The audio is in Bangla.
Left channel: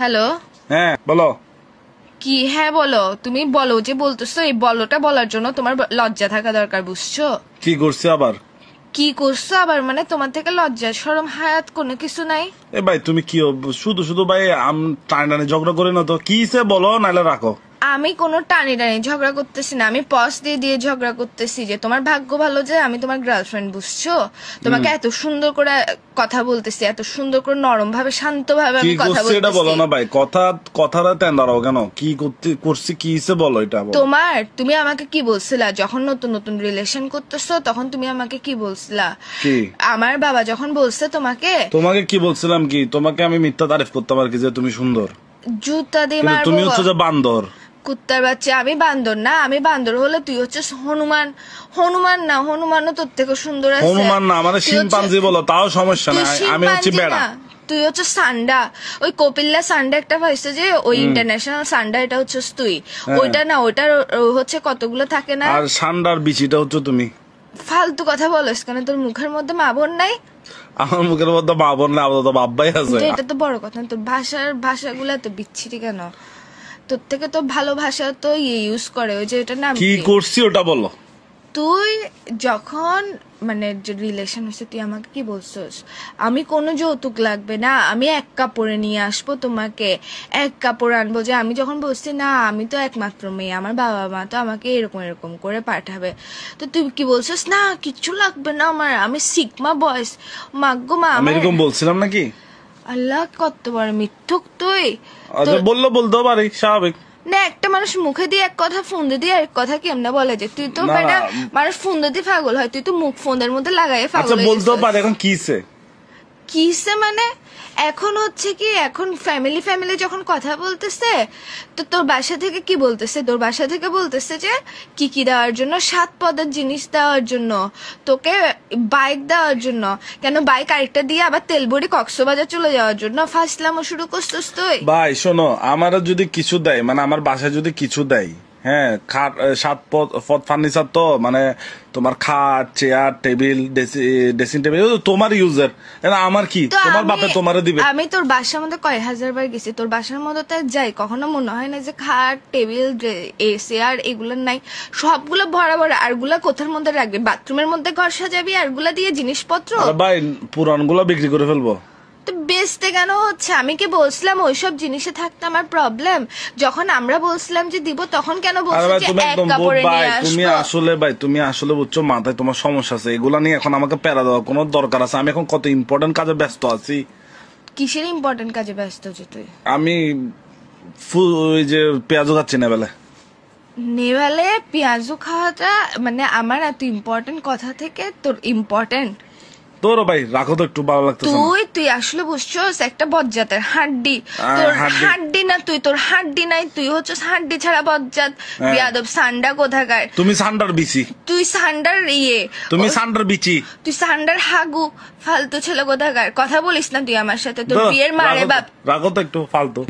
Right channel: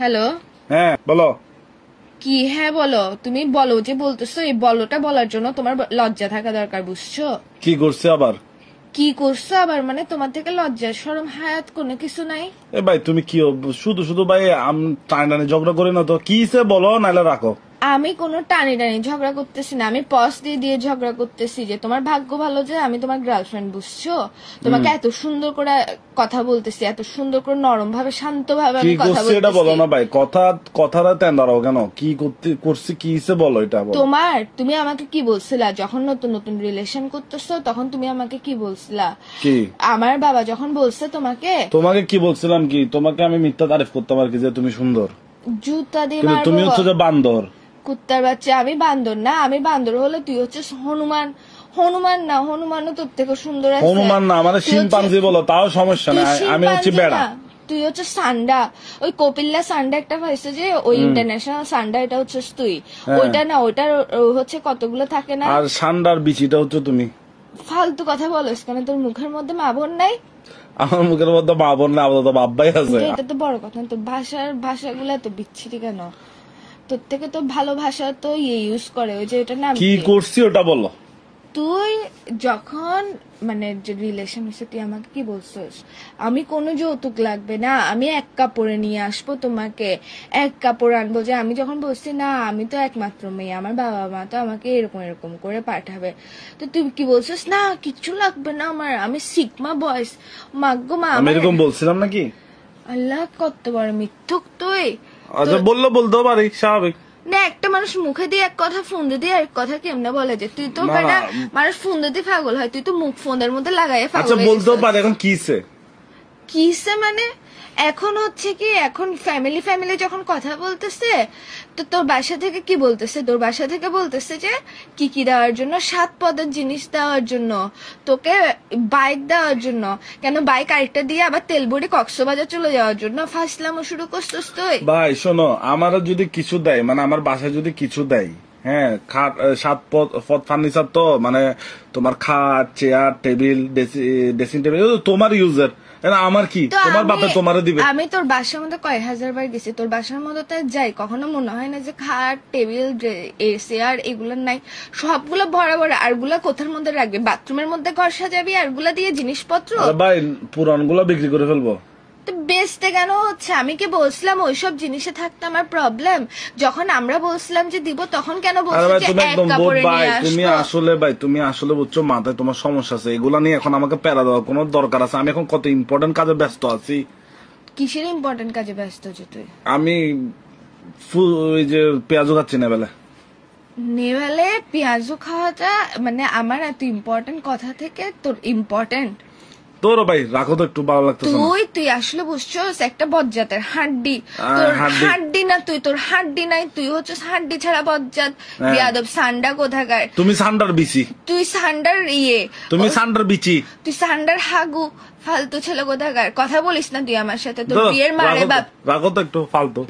হ্যালো, হ্যাঁ বলো। কি হ্যাঁ বলো? তুমি বলো যে বলতেছো, এই বলোটা বলার জন্য তোমার লজ্জা থাকা দরকার, বুঝছো? কি করছে আবার? কি করছো আবার মানে? তোমার থেকে লজ্জা শরম হায়াত কোনো কিছু নাই? এ ভাই তুমি কি শুধু শুধু ভাই টানি ঝগড়া করে না তো, কি বলো নাইলে রাখো। আমি কোনো টানি টানি ঝগড়া করতেছি না, আমি পজ দিয়ে দিয়ে ঝগড়া করতেছি যে তোমার ভাগ্য ভালো যে আমি তোমার গার্লফ্রেন্ড, বুঝছো? তোমাকে এত সুন্দর করে কথা বলতেছি, এত সুন্দর করে নরম ভাবে শান্ত ভাবে আমি কথা বলতেছি। এটা বলো না ভাই, কথাটা তেন্দারাও কেন? কি করছি কি বলো এটা বলো। তুমি আমাকে কি বলছিলা যখন নতুন নতুন রিলেশন করতেছো? তখন তুমি আমাকে কি বলছিলা? কি আমার বাবা যখন বলছে তোমাকে কি বলছিলাম? কি তোমাকে আমি মিথ্যা তারিফ করতে পারি যে তুমি সুন্দর? জুতা দিয়ে মারবো। তুমি হচ্ছে যে বান্দর, কুত্তার বাচ্চা। আমি বান্দর না, আমি বান্দর হলে তুই হচ্ছে হনুমান। হনুমান না, হনুমানও তোর থেকে সুন্দর আছে। হনুমান না মানে শিম্পাঞ্জি বলো, তাও সমস্যা না। আমি হচ্ছে বেড়া, তুই হচ্ছে সান্ডা। ওই কপিল্লা সান্ডা একটা পাইছে যে ওই ইন্টারন্যাশনাল সান্ডা, এটা হচ্ছে তুই। ওইটা না, ওইটার হচ্ছে কতগুলো থাকে না। আর সান্ডার বিচিটা হচ্ছে তুমি। ফালতু কথা বলিস কেন? তোর মুখের মধ্যে মা বোন নাই? আমার মুখের মধ্যে মা বোন না, আমাদের তো বাব্বাই আছে। এটা তো বড় কথা। তোর ভাষাগুলা তো বিচ্ছিরি কেন? তোর থেকে তো ভালো ভাষা তো ইউজ করে। ওই যে এটা না, কি করছি ওটা বলো। তুই যখন মানে রিলেশন হয়েছে, তুই আমাকে কি বলছিস? আমি কোনো যৌতুক লাগবে না, আমি এক কাপড়ে নিয়ে আসবো তোমাকে, এক কাপড় আনবো। যে আমি যখন বলছি না আমি তো একমাত্র মেয়ে, আমার বাবা মা তো আমাকে এরকম এরকম করে পাঠাবে, তো তুই কি বলছিস? না কিচ্ছু লাগবে না আমার, আমি সিগমা বয়স। মাগ্গো মা, আমি এরকম বলছিলাম নাকি? আল্লাহ কত বড় মিথ্যুক তুই। আচ্ছা বলতেও পারি, স্বাভাবিক না। একটা মানুষ মুখে দিয়ে এক কথা, ফোন দিয়ে এক কথা কেমনে বলে? যে তুই তো মানুষ ফোন দিয়ে পাগল হয়, তুই তো মুখ ফোনের মধ্যে লাগাই পাগল। আচ্ছা বলতেও পারি। এখন কিসে মানে এখন হচ্ছে কি, এখন ফ্যামিলি যখন কথা বলতেছে, তো তোর বাসা থেকে কি বলতেছে? তোর বাসা থেকে বলতেছে যে কি দেওয়ার জন্য, 7 পদের জিনিস দেওয়ার জন্য, তোকে বাইক দেওয়ার জন্য। কেন বাইক আরেকটা দিয়ে আবার তেলবড়ি কক্সবাজার চলে যাওয়ার জন্য ফাসলামো শুরু করছিস তুই? ভাই শোনো, আমার যদি কিছু দেয়, মানে আমার বাসায় যদি কিছু দেয়, হ্যাঁ 7 পদ ফার্নিচার, তো মানে তোমার খাট, চেয়ার, টেবিল, ড্রেসিং টেবিল তোমার ইউজার, আমার কি? তোমার বাপে তোমারে দিবে। আমি তোর বাসার মধ্যে কয় হাজার বার গেছি, তোর বাসার মধ্যে তো যাই, কখনো মনে হয় না যে খাট, টেবিল, চেয়ার এগুলো নাই? সবগুলো ভরা ভরা। আরগুলা কোথার মধ্যে রাখবি? বাথরুমের মধ্যে ঘর সাজাবি আরগুলা দিয়ে জিনিসপত্র? ভাই পুরানগুলো বিক্রি করে ফেলবো। তো বেচতে কেন হচ্ছে? আমি কি বলছিলাম ওইসব জিনিসে থাকতে আমার প্রবলেম? যখন আমরা বলছিলাম যে দিব, তখন কেন বলছো যে এক কাপড়ে নিয়ে আসবো? তুমি আসলে বুঝছো, মাথায় তোমার সমস্যা আছে। এগুলা নিয়ে এখন আমাকে প্যারা দেওয়ার কোনো দরকার আছে? আমি এখন কত ইম্পর্টেন্ট কাজে ব্যস্ত আছি। কিসের ইম্পর্টেন্ট কাজে ব্যস্ত আছিস তুই? আমি ওই যে পেঁয়াজও খাচ্ছি না বেলা। নেভালে পেঁয়াজও খাওয়াটা মানে আমার এত ইম্পর্টেন্ট কথা থেকে তোর ইম্পর্টেন্ট? তোর ভাই রাখো তো, একটু ভালো লাগতেছে। তুই আসলে বুঝছস একটা বজ্জাতের হাড্ডি। তোর হাড্ডি না, তোর হাড্ডি নাই, তুই হচ্ছে হাড্ডি ছাড়া বজ্জাত বিয়াদব সান্ডা কোথাকার। তুমি সান্ডার বিচি, তুই সান্ডার তুমি সান্ডার বিচি, তুই সান্ডার হাগু ফালতু ছেলে কোথাকার। কথা বলিস না তুই আমার সাথে, তোর বিয়ের মারে বাপ। রাখো তো একটু ফালতু।